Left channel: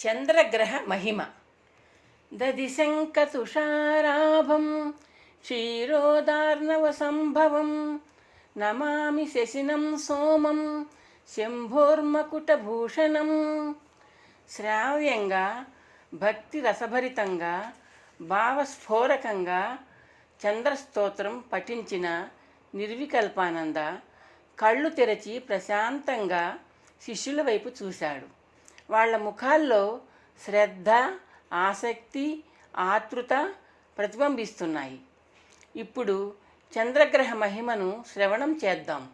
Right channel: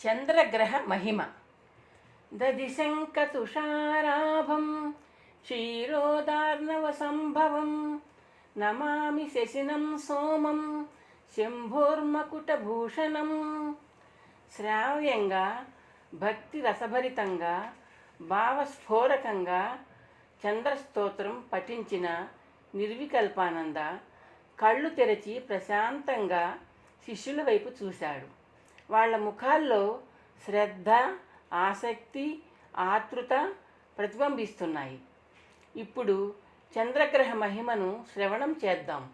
చంద్రగ్రహ మహిమ. దదిశంకతుషారాభం క్షీరోదార్ణవ సంభవం నమామి శశినం సోమం శంభోర్మకుటభూషణం. శ్రావ్యంగా, భక్తి రసభరితంగా, భావస్ఫోరకంగా చంద్రస్తోత్రం పఠించిన నిర్వికల్పానంద కళ్ళు తెరచి ప్రశాంతంగా శిష్యుల వైపు చూశాడు. వాళ్ళ ముఖాల్లో శ్రద్ధ, ఆసక్తి, ఆతృత ప్రతిబింబిస్తున్నాయి. ఇప్పుడు చంద్రగ్రహ మహిమను శ్రవణం చేద్దాం.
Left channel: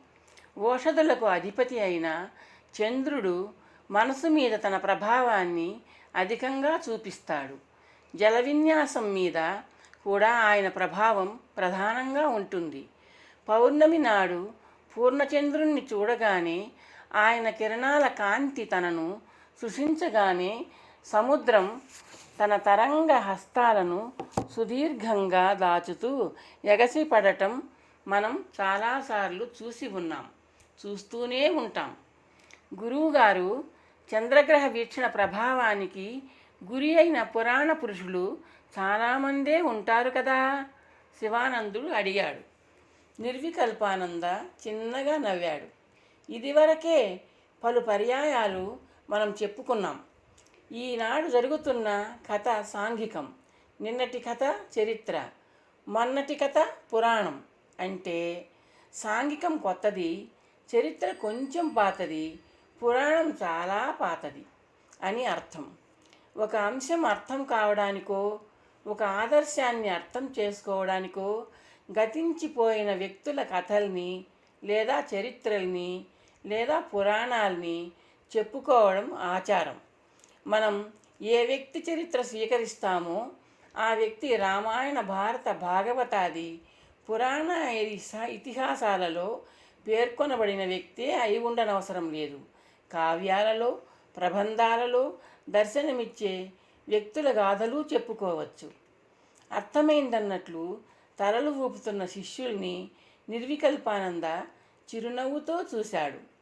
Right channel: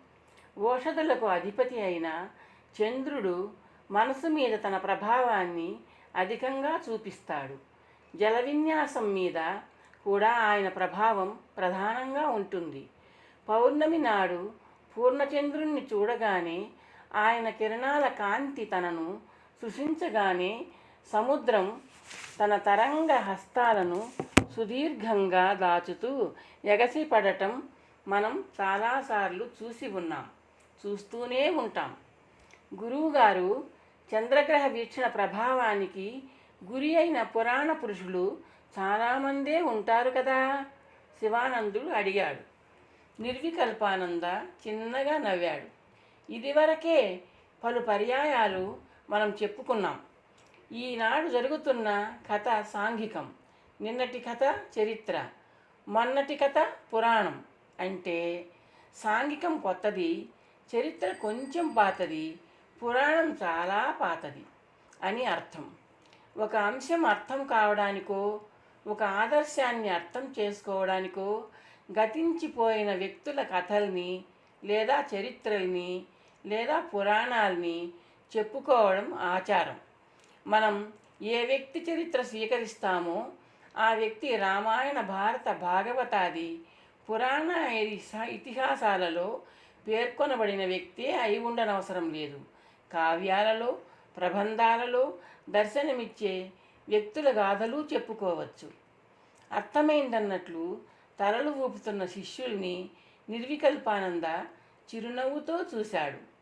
ఓషధులకు అధిపతి అయిన చంద్రుడు మనసు మీద తన ప్రభావాన్ని అధికంగా చూపిస్తాడు. జల విన్యాసం మీద కూడా ఆయన ప్రభావం ప్రధానంగా ఉంటుంది. పౌర్ణమి నాడు పూర్ణచంద్రుణ్ణి చూడగానే ఆయన కిరణాల కాంతి తనను సృశించగానే సముద్రం తన తరంగ హస్తాలను సుదీర్ఘంగా దాచుతూ ఎగసిపడటం మనం చాలాసార్లు చూసి ఉన్నాం, చూస్తూనే ఉంటాం. గురువుగారు చంద్రగ్రహ వీక్షణ ప్రభావానికి గురి అయిన పురాణ పురుషులు చాలామందే ఉంటారు కదా? శివానందుడు అడిగాడు. నిర్వికల్పానంద చిన్నగా నవ్వాడు. ఇదివరకే పలు పర్యాయాలు మనం చెప్పుకున్నాం. ఈనాడు జరుగుతున్న కథ సాంఘికం, నిన్నటి కథ చరిత్ర, మొన్నటి కథ పురాణం. అంటే సాంఘికం కొత్తది, చరిత్ర కొంచెం పాతది, పురాణం చాలా పాతది అని అర్థం. ఒక అంశం అర్థం కావడానికో, ఒక ఆదర్శాన్ని అర్థం చేసుకోవడానికో గతించిపోయిన వ్యక్తుల కథల్ని లేదా చరిత్రల్ని లేదా పురాణాల్ని చెప్పుకోవడం ఆచారం. మనం ఏ వ్యక్తి చరిత్ర స్వీకరిస్తామో ఆ వ్యక్తి రామాయణ, భారత, భాగవతాది పురాణ ఇతిహాసాలలో పేర్కొనబడిన వ్యక్తే అయి ఉండనవసరం లేదు. కావ్యాలలో, ప్రబంధాలలో దర్శనమిచ్చే వ్యక్తుల గాథలు చెప్పుకోవచ్చు. అర్థమైందన్నట్లు తలలు ఊపుతున్న శిష్యుల్ని నిర్వికల్పానంద చిరునవ్వుతో చూశాడు.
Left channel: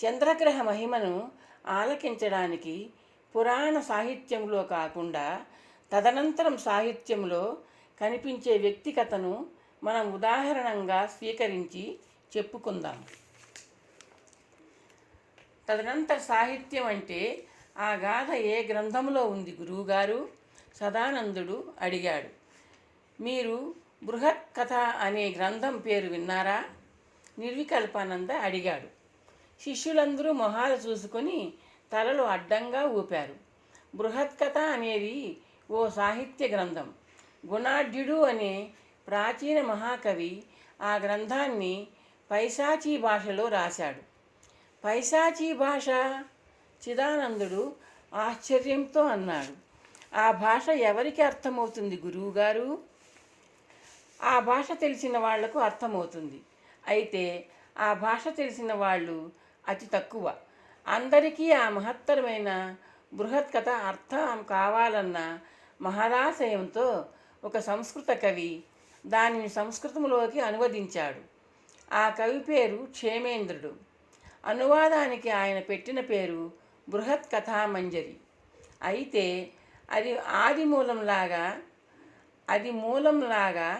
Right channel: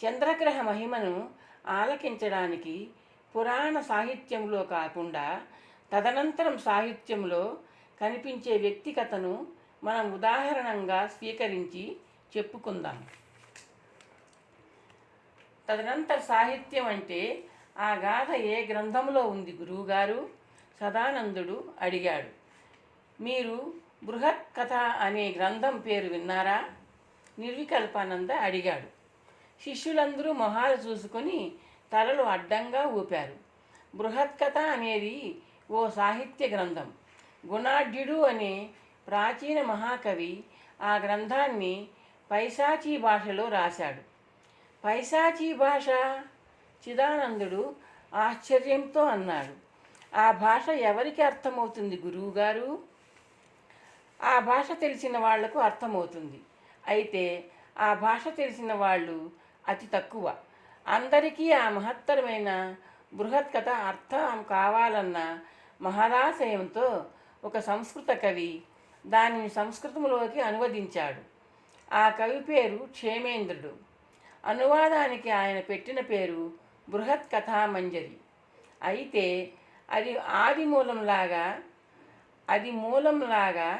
చంద్రగ్రహ మహిమను ఆలకించడానికి పురాణ సాహిత్యంలో కాకుండా తదనంతరం సాహిత్యంలో కనిపించే వ్యక్తిగతను మనం ఉదాహరణంగా స్వీకరించి చెప్పుకుందాం. తదనంతర సాహిత్యం అంటే ఆ గాథ ఏ గ్రంథంలో ఉంది గురువుగారు? సదానందుడు అడిగాడు. మీరు బృహత్ కథ అనే గ్రంథం పేరు విన్నారా? నిర్వికల్పానంద అడిగాడు. శిష్యులందరూ మొహాలు చూసుకొని తలలు అడ్డంగా ఊపారు. బృహత్ కథ అనేది ఓ సాహిత్య గ్రంథం. గుణాఢ్యుడు అనే ప్రాచీన మహాకవి ఆ గ్రంథాన్ని పైశాచీ భాషలో రాశాడు. పైశాచీ భాష? చిదానందుడు ఆశ్చర్యంతో అన్నాడు. ఆ భాష ఎవరికి అర్థమవుతుంది గురువుగారు? ఆ భాష తెలిసిన వాళ్లకు అర్థమవుతుంది. అయితే ఆ భాష తెలిసిన వాళ్ళు అతి తక్కువ. అందరికీ ఆ మహత్తరమైన బృహత్ కథ అర్థం కావాలన్న మహదాశయంతో ఒక సంస్కృత కవి దానిని సంస్కృతంలోకి అనువదించాడు. ఆ కవి పేరు క్షేమేంద్రుడు. అనువాదానికి ఆయన పెట్టిన పేరు బృహత్ కథామంజరి. అయితే అది మూలంలాగా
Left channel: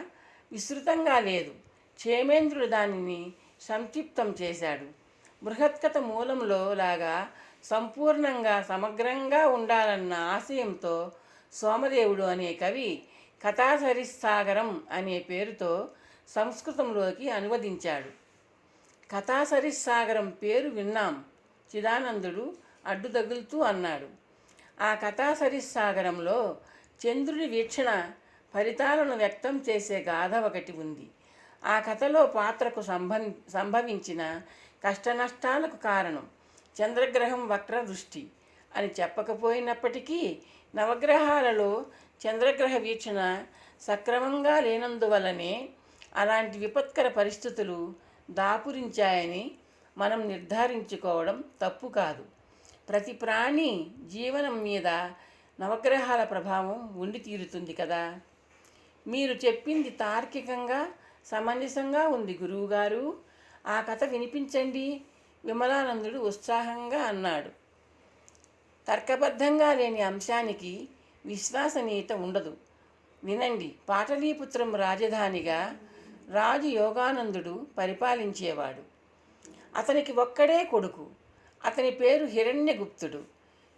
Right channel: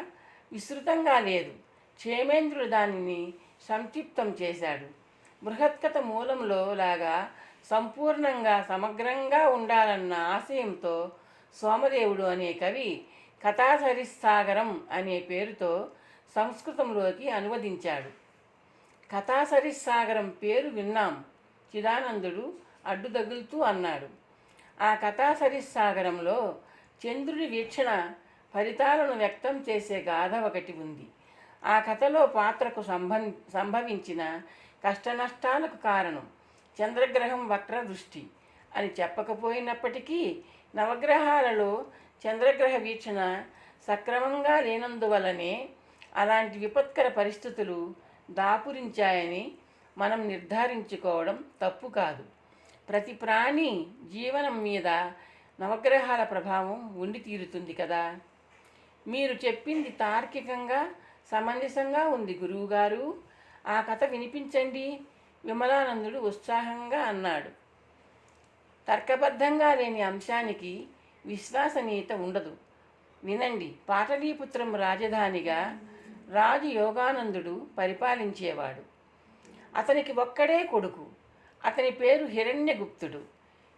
విస్తృతంగా లేదు. క్షేమేంద్రుడు దానిని సంక్షిప్తం చేశాడు. బృహత్కథ మూలంలో లాగా సంపూర్ణంగా, సమగ్రంగా ఉండాలన్న ఆశయంతో సోమదేవుడు అనే కవి కథాసరిస్సాగరం అనే పేరుతో సంస్కృతంలోకి అనువదించాడు. కథాసరిస్సాగరం పేరు విన్నాం, చిదానందుడు అడ్డుతగులుతూ అన్నాడు. ఆ కథాసరిస్సాగరంలో చంద్రుడి వీక్షణ ఫలితాలను వ్యక్తం చేసే గాథ ఒకటి ఉంది. ఆ కథలో పాత్రకు సంభవించిన కష్టనష్టాలకు కారణం చంద్రగ్రహం వక్ర దృష్టి అని చెప్పకపోయినప్పటికీ నవగ్రహాలలో చంద్రగ్రహ వీక్షణ సక్రమంగా లేనందువలనే అలాంటి విపత్కర పరిస్థితులు దాపురించాయని మనం నిర్ధారించుకోవడం తప్పు కాదు. ప్రతి ప్రాణి జీవనం మీద నవగ్రహాల ప్రభావం ఉండి తీరుతుంది కదా. మీరు చెప్పింది తార్కికంగా, సమంజసంగా ఉంది గురువుగారు. ఆ కథ వినిపించండి, విమలానందుడు ఉత్సాహంగా అన్నాడు. తర్కబద్ధంగా లేని అంశానికి విశ్వసనీయత ఉండదు. వినండి. పాటలీపుత్రం రాజధానిగా రాజు యోగానందుడు పరిపాలించేవాడు. అతనికి ఒక్కడే కొడుకు. అతని పేరు హిరణ్యగుప్తుడు.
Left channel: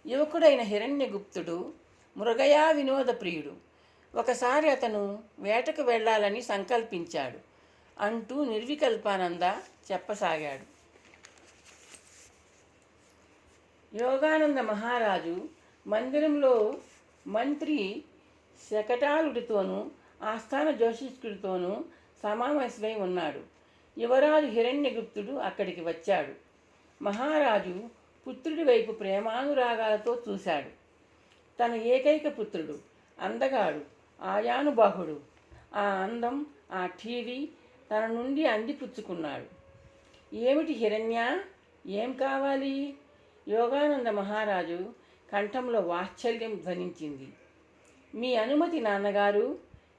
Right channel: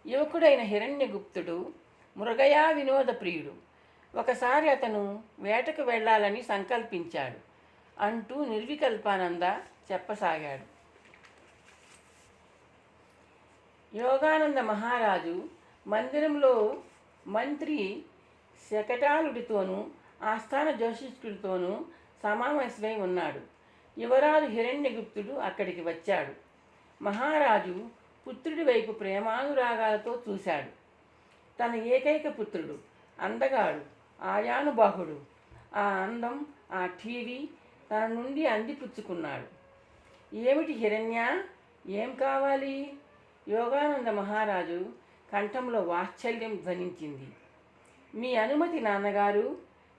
యువకుడైన హిరణ్యగుప్తుడు మృగయా వినోద ప్రియుడు. ఒకసారి అతను వేటకు వెళ్ళాలని సంకల్పించాడు అంటూ నిర్వికల్పానంద చెప్పసాగాడు. యోగానంద మహారాజు మందిరంలో మంత్రి శకటాలుడితోనూ ఆస్థాన జ్యోతిష్కుడితోనూ సమావేశమై ఉన్నాడు. యువరాజు హిరణ్యగుప్తుడు అక్కడికి వచ్చాడు. మహారాజు పుత్రుడి వైపు ప్రేమానురాగాలతో చూశాడు. తన ఏకైక పుత్రుడు అందగాడు, ఆయానుబాహుడు. ఆ అందం, ఆ టీవీ తన నుండి అందిపుచ్చుకున్నాడు. ఏమిటి హిరణ్య, ఏం కావాలి? యోగానంద మహారాజు కంఠంలో వాత్సల్యం ధ్వనించింది. మీ అనుమతి నాన్నగారు,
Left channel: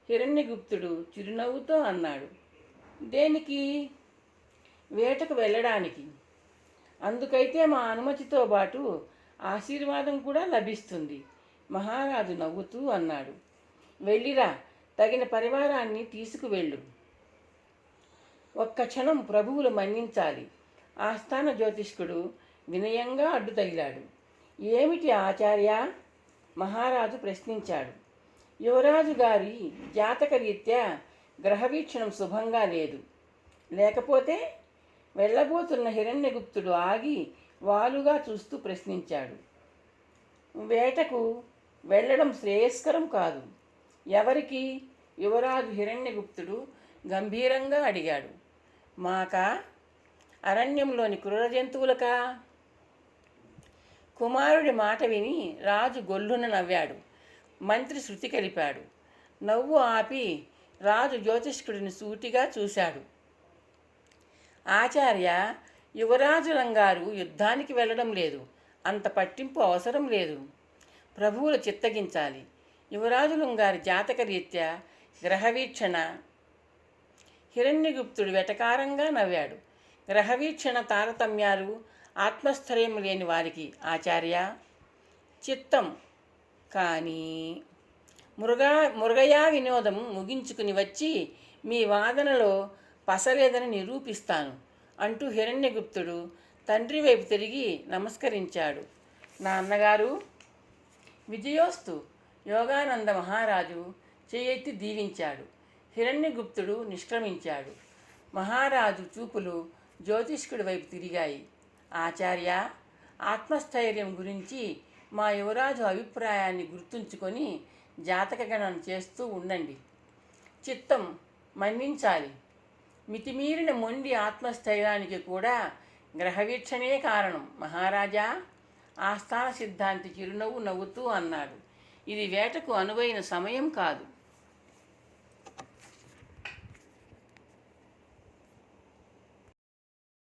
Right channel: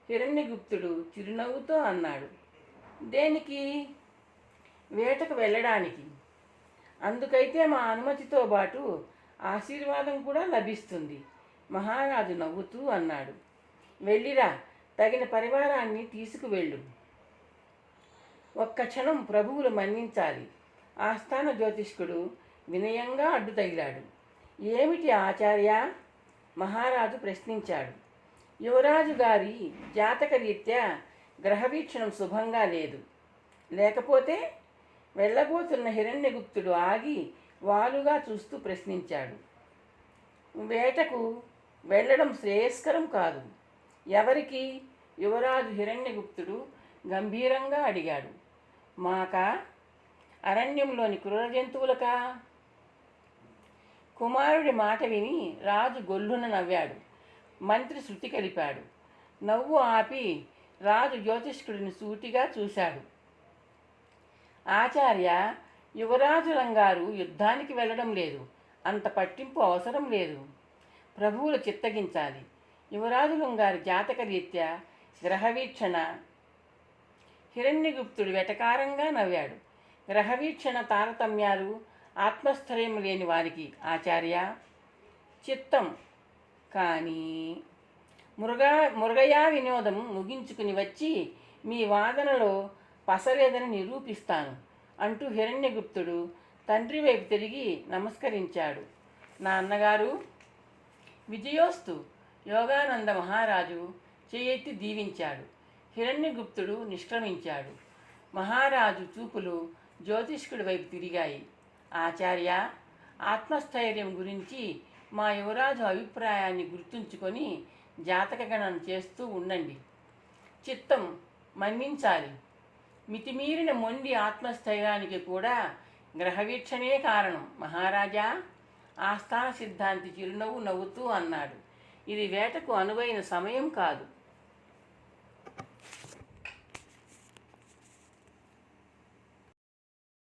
హిరణ్యగుప్తుడు చిరునవ్వుతో అన్నాడు. దేనికి? వేటకు వెళ్ళడానికి. అందుకైతే మా అనుమతితో పాటు ఆశీర్వాదం కూడా లభిస్తుంది, మహారాజు నవ్వుతూ అన్నాడు. వెళ్ళిరా, తగిన పరివారాన్ని తీసుకువెళ్ళు. ఒక్క క్షణం ప్రభువులు మన్నించాలి. ఆస్థాన జ్యోతిష్కుడు వినయంగా అడ్డు తగిలాడు. ఏమిటి ఆచార్య? మహారాజు ప్రశ్నించాడు. యువరాజు గారి జాతకరీత్యా గ్రహవీక్షణం శుభంగా లేదు. లేకపోతే? వెళ్ళబోతున్న హిరణ్యగుప్తుడు ఆగి వాలుగా చూస్తూ ప్రశ్నించాడు. వేటకు వెళ్ళడం శ్రేయస్కరం కాదు. ఎవరికి? యువరాజు హిరణ్యగుప్తుడు గంభీరంగా అడిగాడు. మాకా? అరణ్యంలోని క్రూర జంతువులకా? కుమారుడి మాట విని రాజు గొల్లున నవ్వాడు. మంత్రి శృతి కలిపాడు. నవ్వు ఆపి రాజు జ్యోతిష్కుడిని సూటిగా చూశాడు. ఆచార్య, యువరాజు రంగారు యుద్ధానికి వెళ్ళడం లేదు. అంత పట్టింపు అవసరం లేదు. ప్రభువులు చిత్తగించాలి. యువరాజులం గారి జాతకరీత్యా గ్రహవీక్షణ. హిరణ్యగుప్తుడు వెటకారంగా నవ్వాడు. గ్రహవీక్షణ తారతమ్యాలు ఆత్మస్థైర్యం లేని వారికి ఆచార్య. చిత్తం. కానీ మురుగయా వినోదం ముగించుకుని వచ్చి మీ వాదనలో పసలేదని నిరూపిస్తాను అంటూ హిరణ్యగుప్తుడు తండ్రి వైపు తిరిగి నమస్కరించాడు. నాన్నగారు. విజయోస్తు. యోగానంద మహారాజు చేయెత్తి దీవించాడు. హిరణ్యగుప్తుడు నిష్క్రమించాడు. మహారాజు చూపులు జ్యోతిష్కుడి వైపు తిరిగాయి. ఆచార్య, ఆత్మస్థైర్యం గురించి మా యువరాజు అభిప్రాయాన్ని గుర్తుంచుకొని జాతక గణన చేస్తూ ఉండండి. చిత్తం. మన్నించాలి. మితిమీరిన మొండి ఆత్మస్థైర్యానికి కూడా గ్రహవీక్షణే కారణం మహారాజా. ఆస్థాన సిద్ధాంతి చిరునవ్వు నవ్వుతూ అన్నాడు. ఇది వేటకు అనువైన సమయం కాదు.